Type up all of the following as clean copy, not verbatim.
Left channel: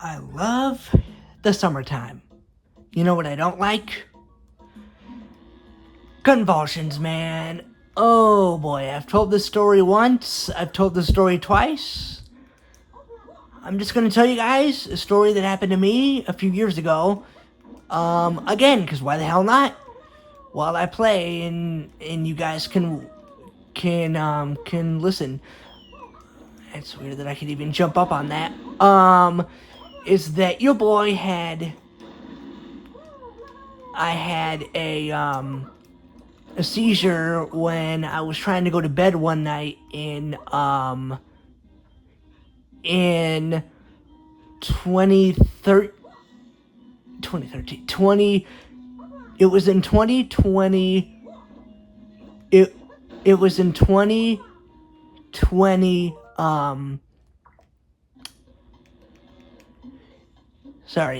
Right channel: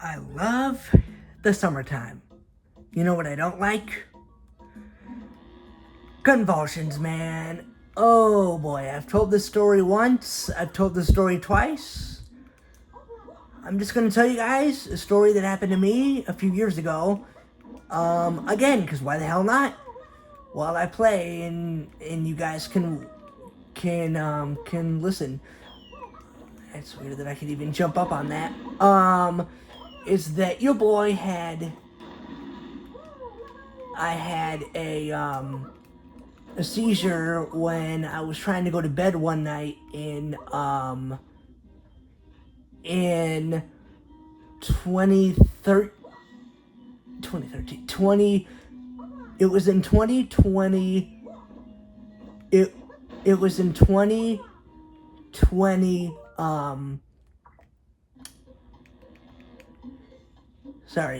I love the summertime. You know what I don't like? Convulsions, man. Oh boy, I've told this story once, I've told this story twice. I'm just gonna tell you guys a story that happened to me a few years ago. Again, because why the hell not? While I play and you guys can listen. It's weird that I could even jump up on that. Is that your boy I had a seizure when I was trying to go to bed one night in 2013 it was in 2020 it was in 2020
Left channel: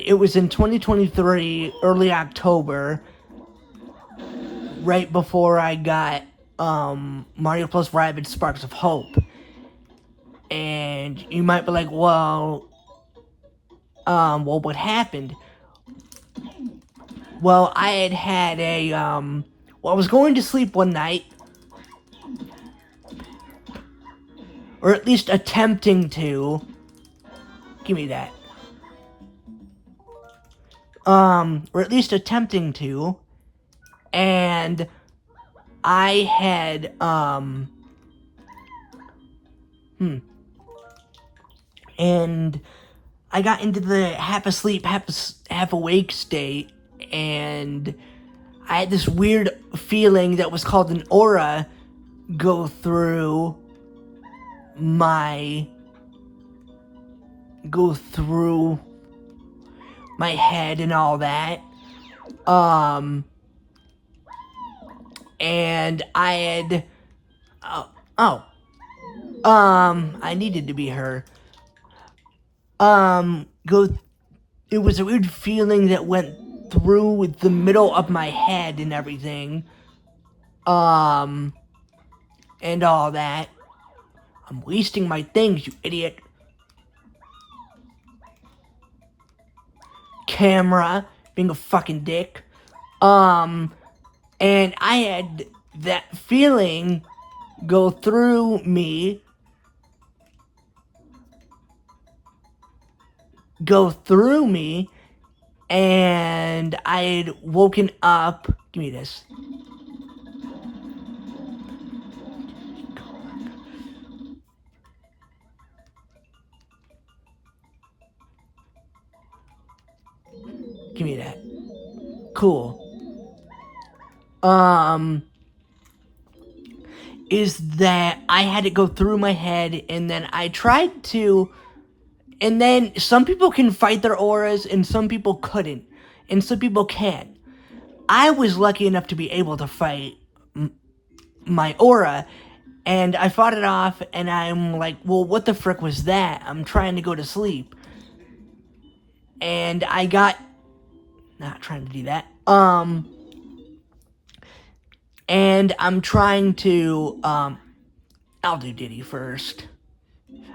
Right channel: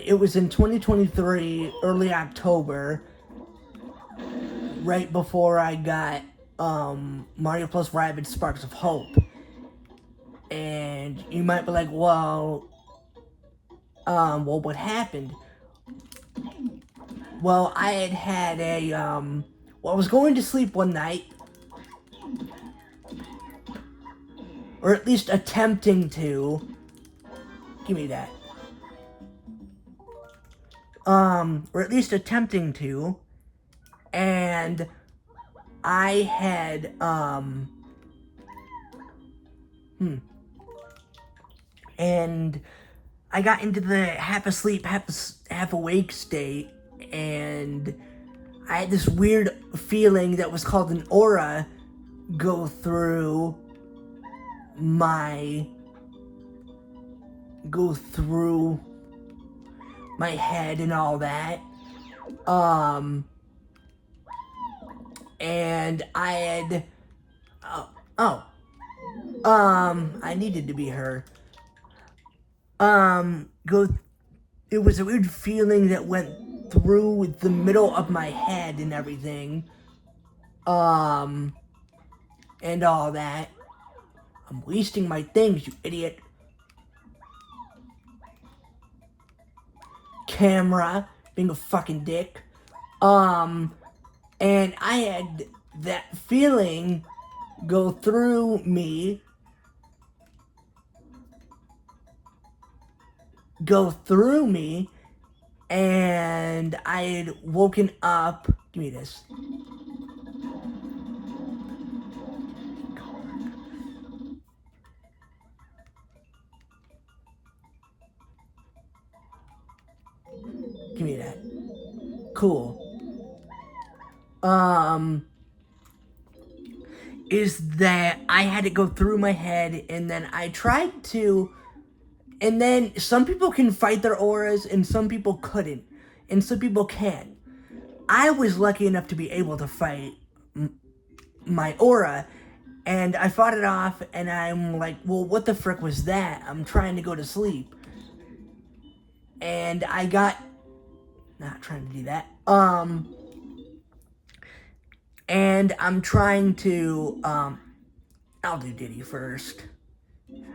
it was in 2023 early October, right before I got Mario plus Rabbids Sparks of Hope. And you might be like, well, what happened? Well, I had I was going to sleep one night, or at least attempting to. Give me that. Or at least attempting to, and I had, and I got into the half asleep, half awake state, and I had this weird feeling that was called an aura go through my head and all that. And I had, I needed to be her. It was a weird feeling that went through the middle of my head and everything. And all that. I'm wasting my things, you idiot. Camera, being a fucking dick. And I had that feeling go through me. And I had woken up. Give me this. Give me that. Cool. Is that I had it go through my head, and then I tried to, and then some people can fight their auras and some people couldn't, and some people can. I was lucky enough to be able to fight my aura, and I fought it off, and I'm like, well, what the frick was that? I'm trying to go to sleep. And I got, not trying to do that, and I'm trying to, I'll do Diddy first.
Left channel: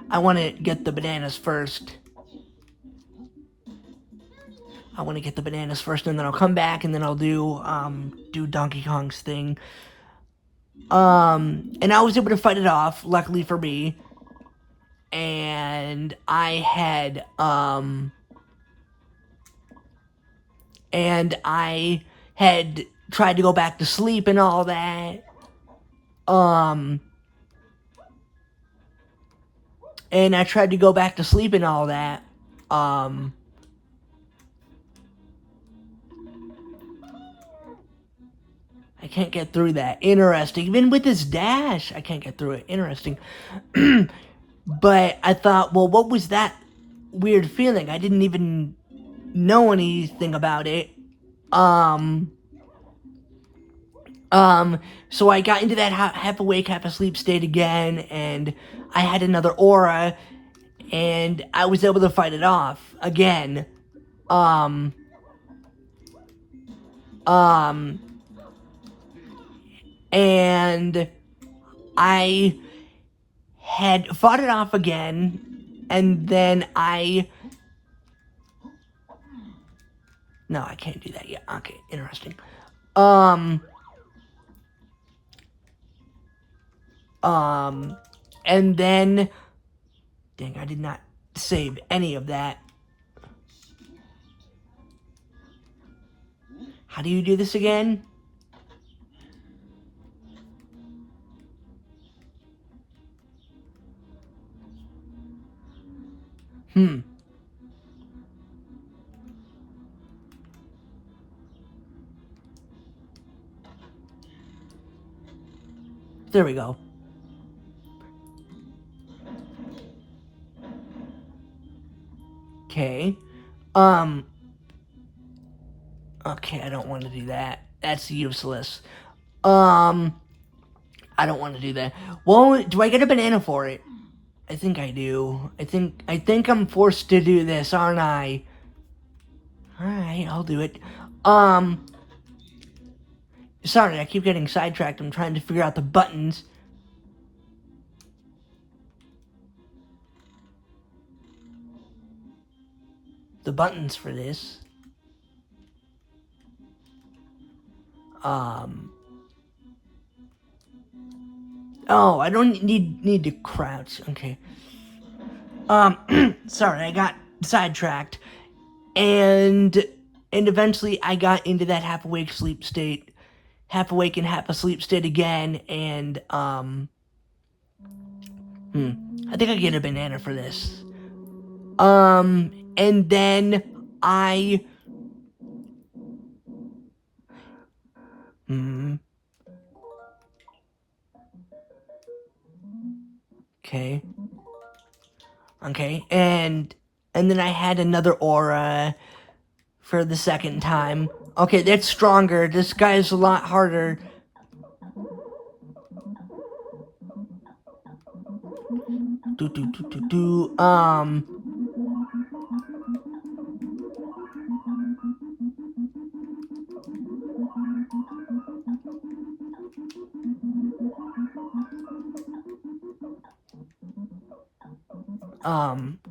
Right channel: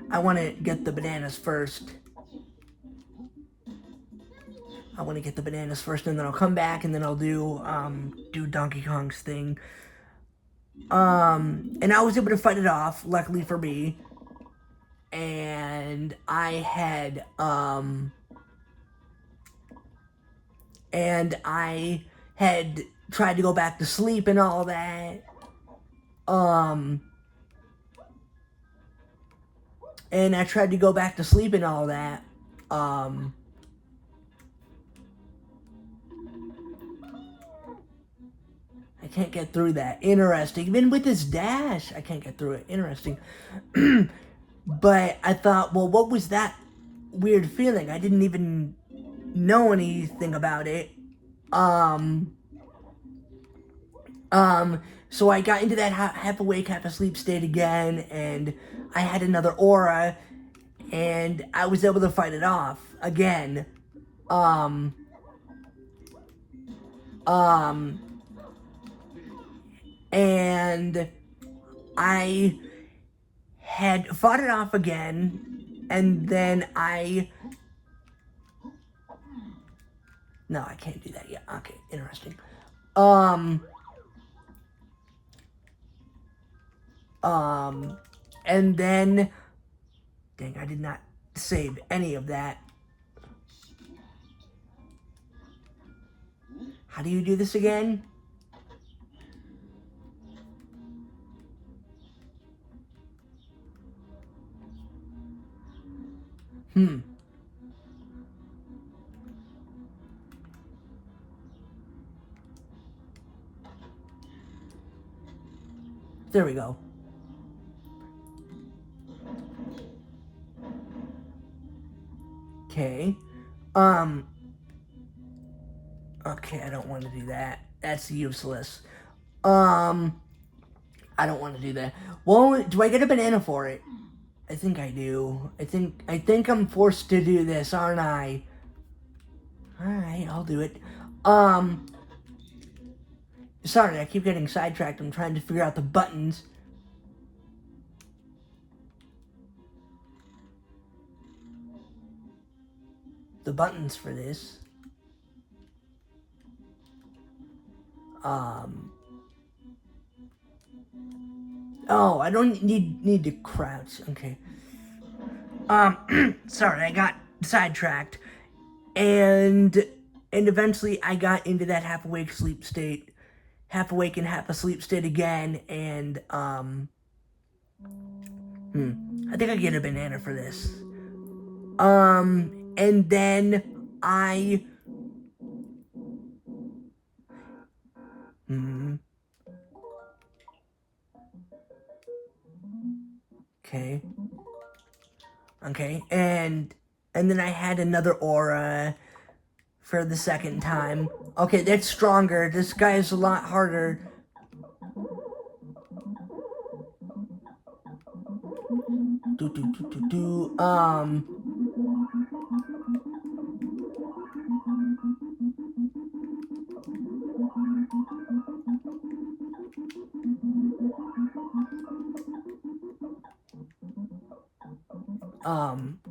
I want to get the bananas first. And then I'll come back, and then I'll do Donkey Kong's thing. And I was able to fight it off, luckily for me. And I had, tried to go back to sleep and all that. And I tried to go back to sleep and all that. I can't get through that. Interesting. Even with this dash, I can't get through it. Interesting. But I thought, well, what was that weird feeling? I didn't even know anything about it. So I got into that half awake, half asleep state again, and I had another aura, and I was able to fight it off again. And I had fought it off again, and then I No, I can't do that yet. Okay, interesting. And then, dang, I did not save any of that. How do you do this again? There we go. Okay. Okay, I don't want to do that. That's useless. I don't want to do that. Well, do I get a banana for it? I think I do. I think I'm forced to do this, aren't I? Alright, I'll do it. Sorry, I keep getting sidetracked. I'm trying to figure out the buttons. The buttons for this. Oh, I don't need to crouch. Okay. Sorry, I got sidetracked. And eventually I got into that half awake sleep state. Half awake and half asleep state again, and I think I get a banana for this. And then I okay. Okay, and then I had another aura for the second time. Okay, that's stronger. This guy is a lot harder.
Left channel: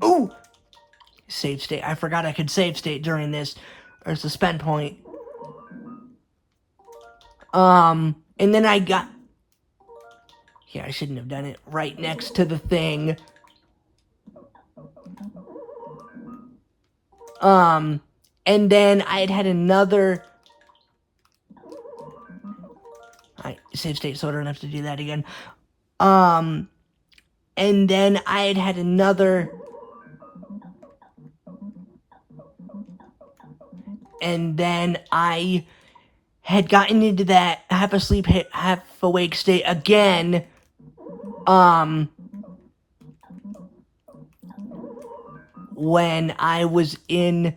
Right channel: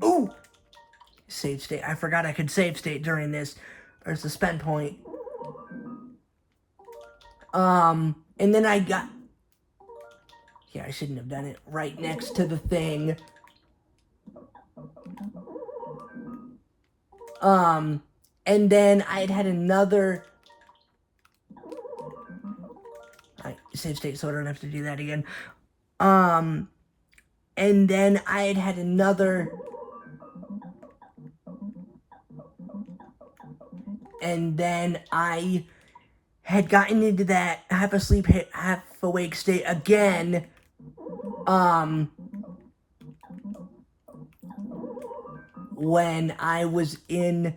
Ooh! Save state. I forgot I could save state during this. Or suspend point. And then I got... Yeah, I shouldn't have done it right next to the thing. And then I had another... I save state so I don't have to do that again. And then I had another... And then I had gotten into that half asleep, half awake state again. When I was in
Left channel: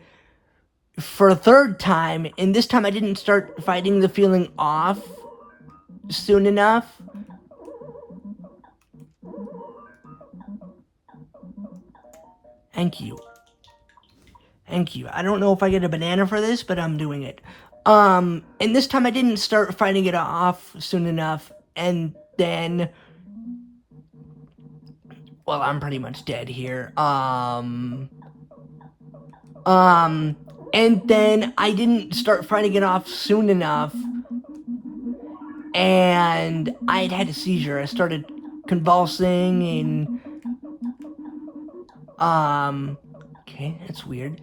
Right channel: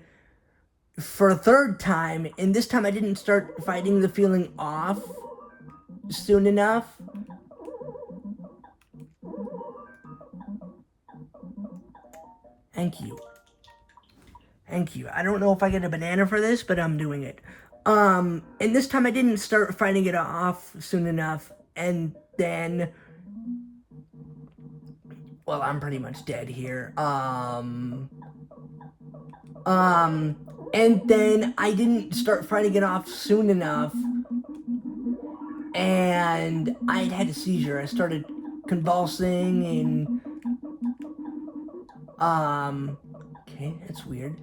for a third time, and this time I didn't start fighting the feeling off soon enough. Thank you. Thank you. I don't know if I get a banana for this, but I'm doing it. And this time I didn't start fighting it off soon enough, and then... Well, I'm pretty much dead here. And then I didn't start fighting it off soon enough, and I had a seizure. I started convulsing, and, okay, that's weird.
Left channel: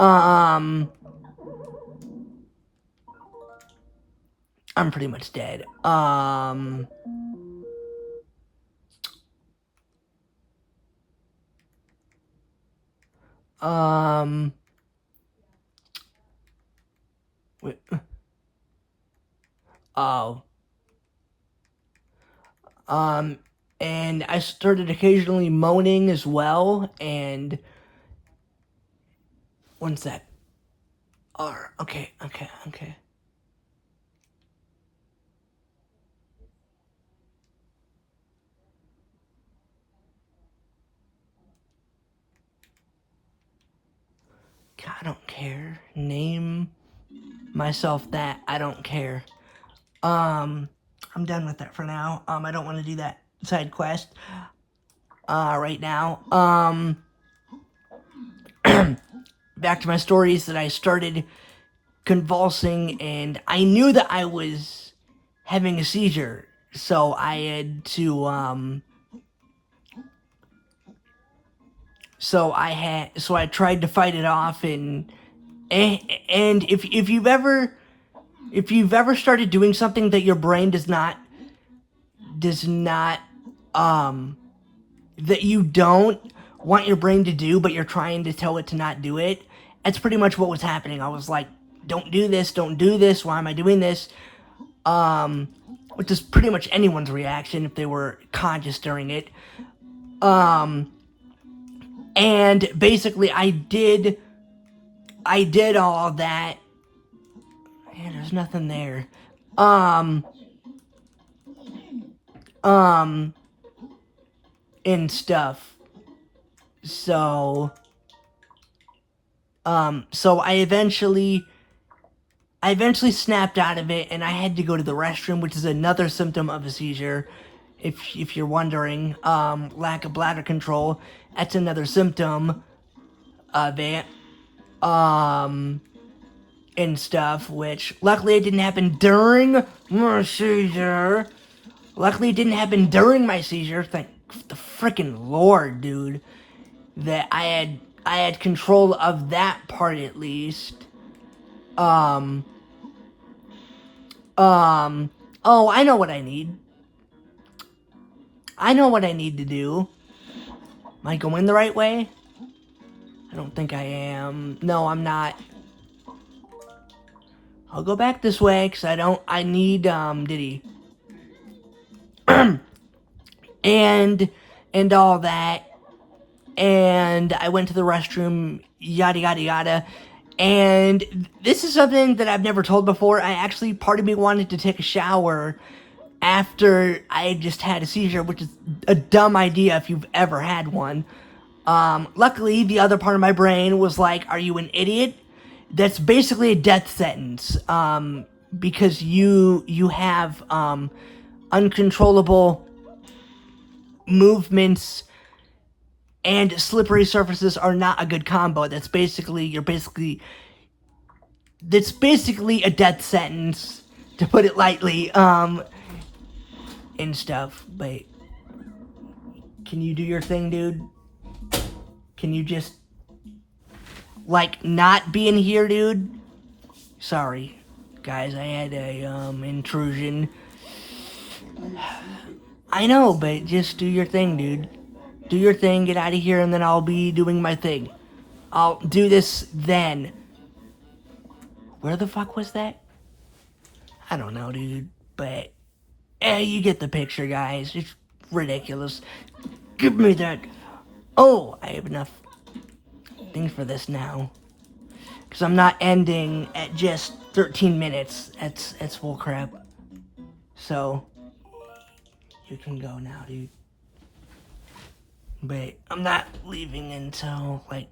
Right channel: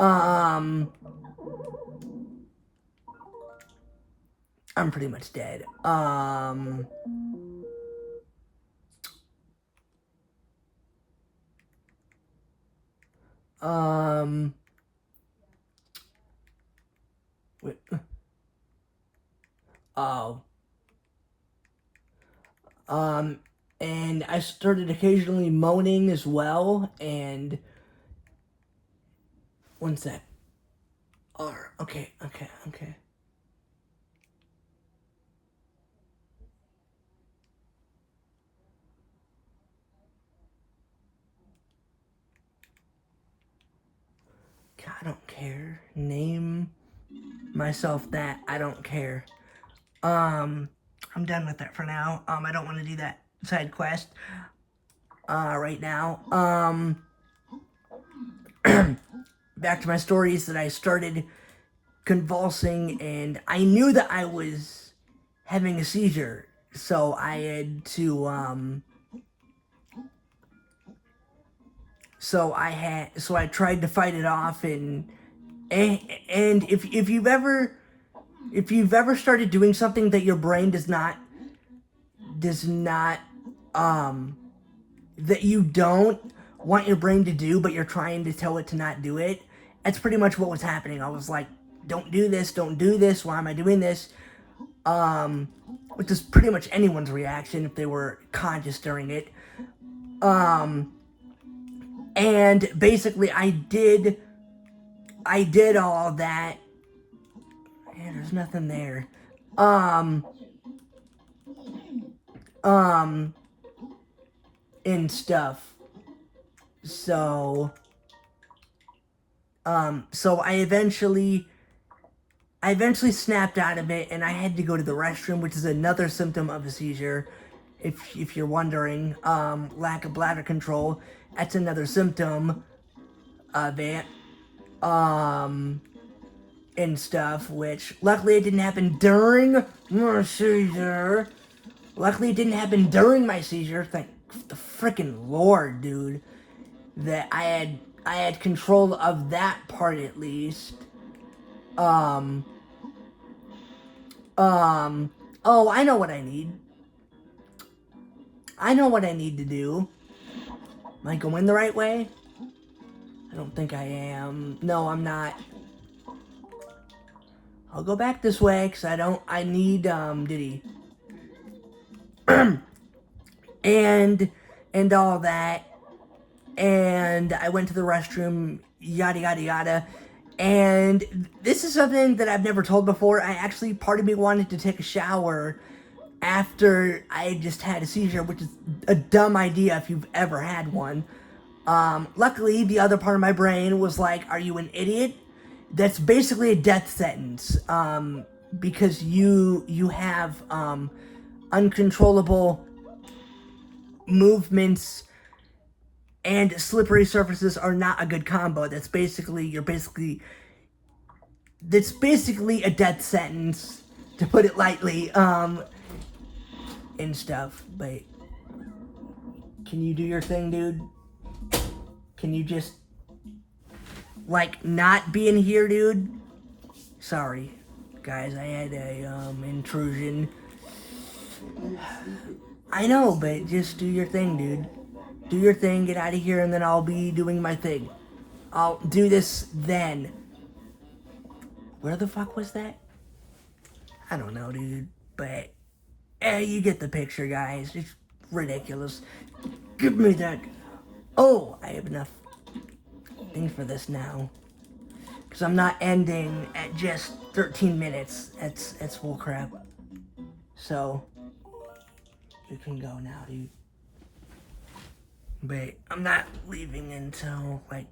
I'm pretty much dead. Wait. Oh. And I started occasionally moaning as well, and... One sec. Okay. I don't care. Name myself that. I don't care. I'm done with that for now. I don't want to do that side quest, right now. back to my story is that I started convulsing, and I knew that I was having a seizure, so I had to, so I tried to fight it off, and if you've ever started doing something that your brain does not, that you don't want your brain to do, but you're trying to tell it to not do it, that's pretty much what was happening. I was like, don't do this, why am I doing this? Which is pretty much anyone's reaction if they were conscious during it. And basically I did all that. Yeah, there's nothing there. And stuff. So I eventually snapped out of it, and I had to go to the restroom, which is another symptom of a seizure. If you're wondering, lack of bladder control, that's another symptom of it. And stuff, which luckily it didn't happen during my seizure. Luckily it didn't happen during my seizure. Thank the freaking Lord, dude. That I had control of that part at least. Oh, I know what I need. I know what I need to do. Am I going the right way? I don't think I am. No, I'm not. I'll go back this way, because I need, Diddy. and all that. And I went to the restroom, yada, yada, yada. And this is something that I've never told before. Part of me wanted to take a shower after I just had a seizure, which is a dumb idea if you've ever had one. Luckily, the other part of my brain was like, are you an idiot? That's basically a death sentence, because you have, uncontrollable movements, and slippery surfaces are not a good combo. That's basically a death sentence, to put it lightly, and stuff. But can you do your thing, dude? Can you just, like, not be in here, dude? Sorry, guys, I had a, intrusion. I know, but just do your thing, dude. Do your thing, get out of here, and then I'll be doing my thing. I'll do this then. Where the fuck was that? I don't know, dude, but you get the picture, guys. It's ridiculous. Give me that. Oh, I have enough things for this now. Because I'm not ending at just 13 minutes. That's full crap. So, you can go now, dude. But I'm not leaving until, like...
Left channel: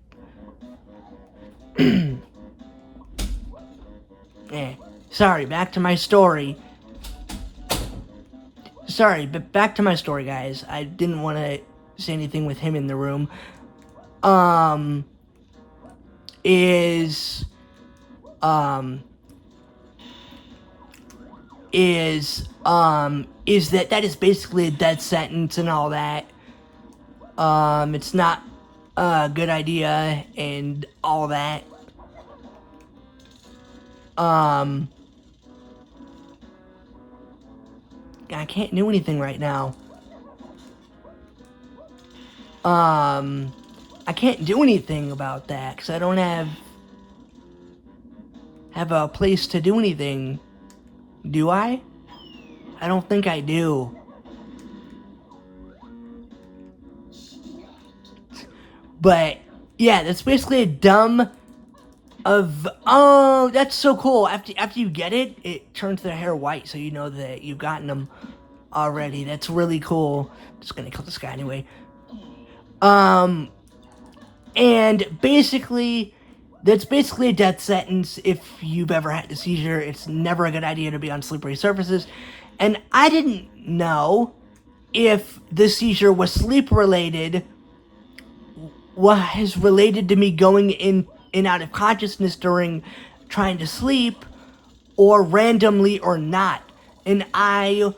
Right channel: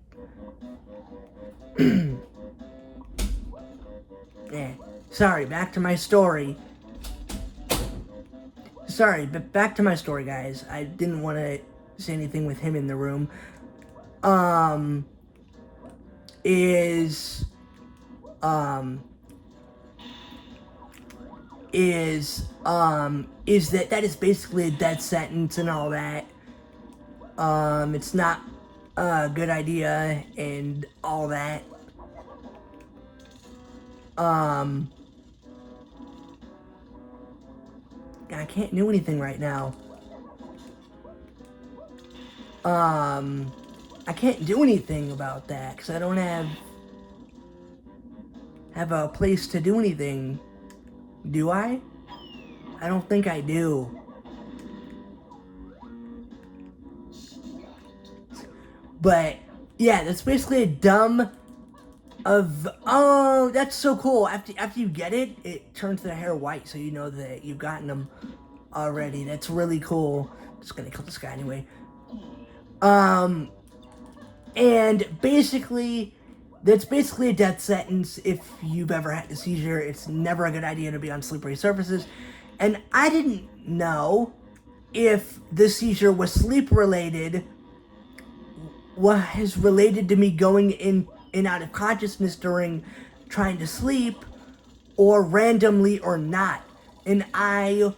Yeah. Sorry, back to my story. Sorry, but back to my story, guys. I didn't want to say anything with him in the room. Is that is basically a death sentence and all that. It's not a good idea and all that. I can't do anything right now. I can't do anything about that because I don't have a place to do anything. Do I? I don't think I do. But yeah, that's basically a dumb of, oh, that's so cool. After you get it, it turns their hair white, so you know that you've gotten them already. That's really cool. I'm just gonna kill this guy anyway. And basically, that's basically a death sentence if you've ever had a seizure. It's never a good idea to be on slippery surfaces. And I didn't know if the seizure was sleep related, was related to me going and out of consciousness during trying to sleep, or randomly or not. And I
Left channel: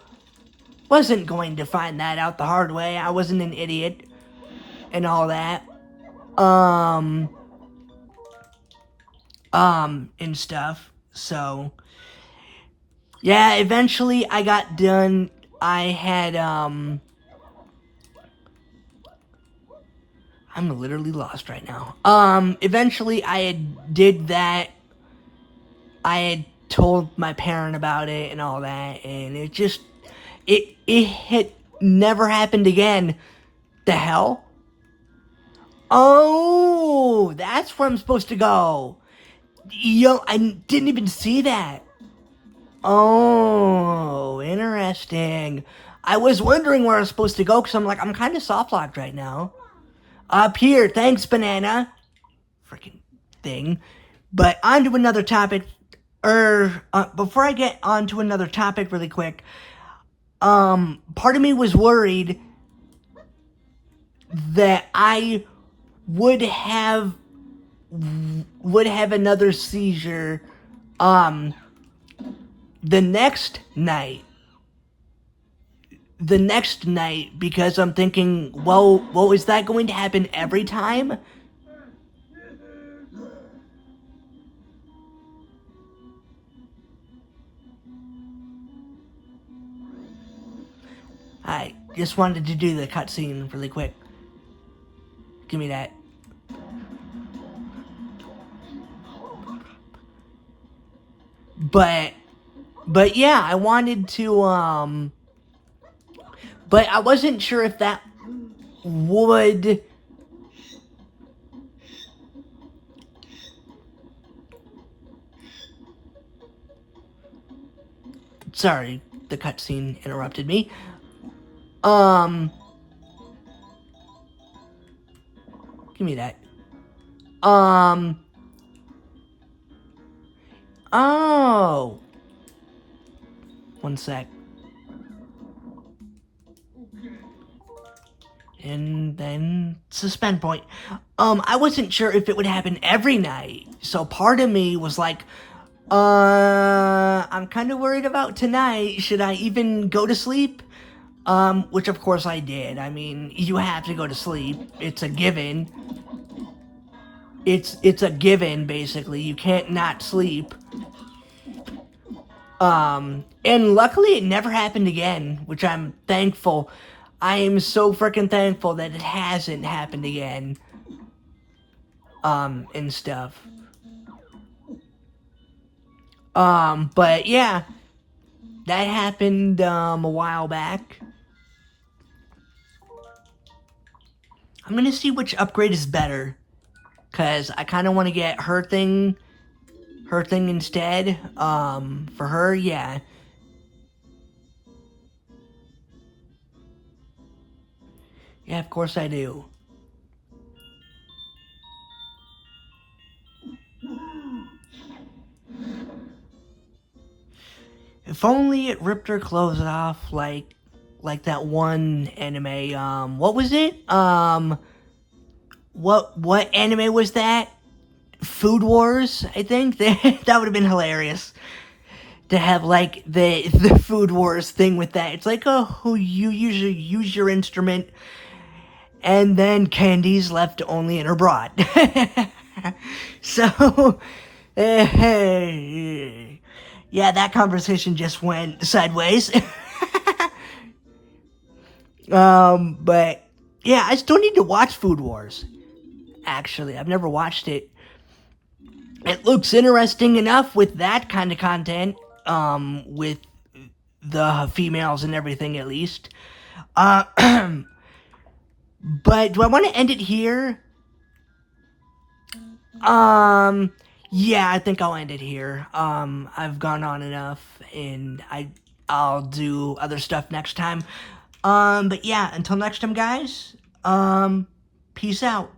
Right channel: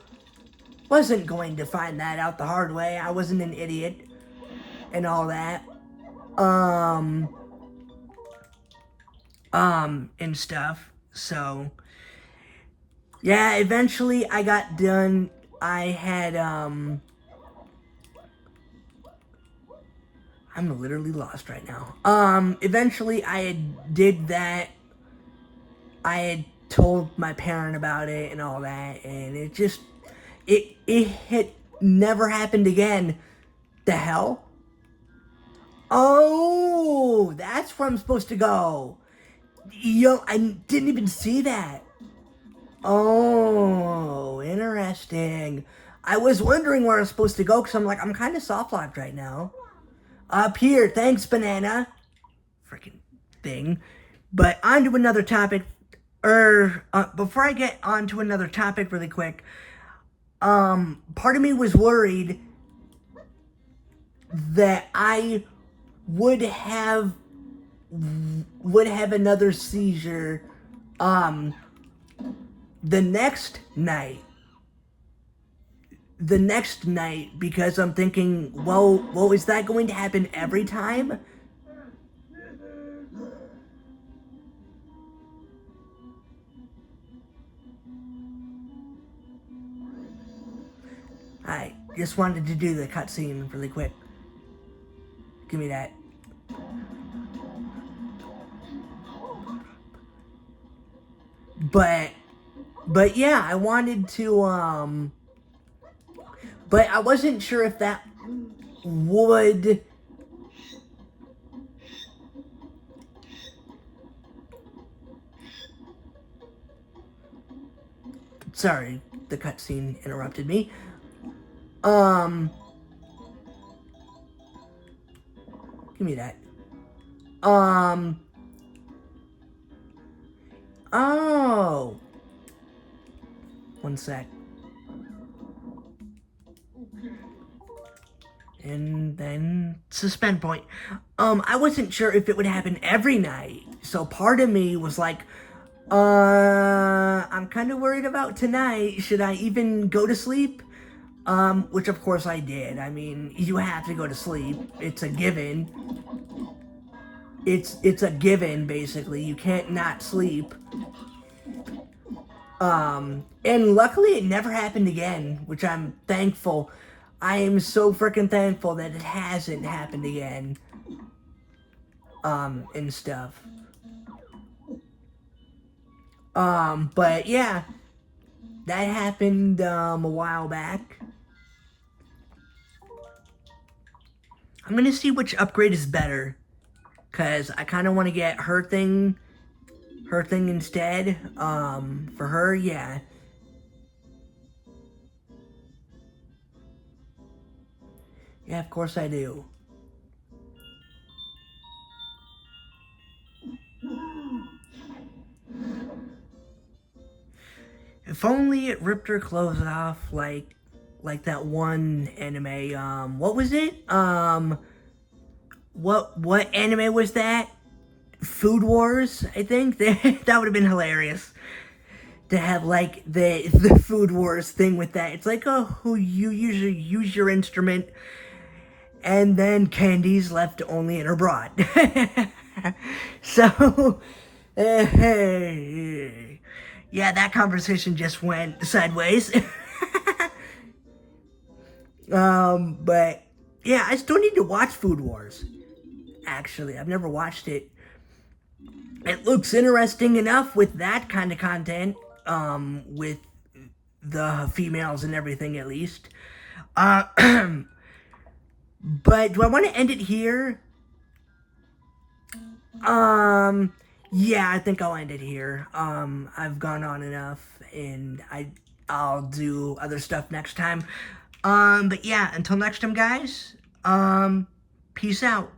wasn't going to find that out the hard way. I wasn't an idiot and all that. And stuff. So, yeah, eventually I got done. I had, I'm literally lost right now. Eventually I did that. I had told my parent about it and all that, and it just, it never happened again. The hell? Oh, that's where I'm supposed to go. Yo, I didn't even see that. Oh, interesting. I was wondering where I was supposed to go, because I'm like, I'm kind of soft-locked right now. Up here, thanks, banana. Freaking thing. But on to another topic. Before I get on to another topic really quick, part of me was worried that I would have another seizure, the next night, because I'm thinking, well, is that going to happen every time? I just wanted to do the cutscene really quick. Give me that. But yeah, I wanted to, but I wasn't sure if that would... Sorry, the cutscene interrupted me. Give me that. Oh. One sec. And then suspend point. I wasn't sure if it would happen every night. So part of me was like, I'm kind of worried about tonight. Should I even go to sleep? Which of course I did. I mean, you have to go to sleep. It's a given. It's a given, basically. You can't not sleep. And luckily it never happened again, which I'm thankful. I am so freaking thankful that it hasn't happened again. And stuff. But yeah, that happened, a while back. I'm gonna see which upgrade is better, cause I kind of want to get her thing instead, for her, yeah. Yeah, of course I do. If only it ripped her clothes off like that one anime, what was it? What anime was that? Food Wars, I think? That would have been hilarious. To have, like, the Food Wars thing with that. It's like, oh, you usually use your instrument, and then Candy's left only in her bra. So, yeah, that conversation just went sideways. But, yeah, I still need to watch Food Wars. Actually, I've never watched it. It looks interesting enough with that kind of content, with the females and everything, at least. But do I want to end it here? Yeah, I think I'll end it here. I've gone on enough, and I'll do other stuff next time. But yeah, until next time, guys, peace out.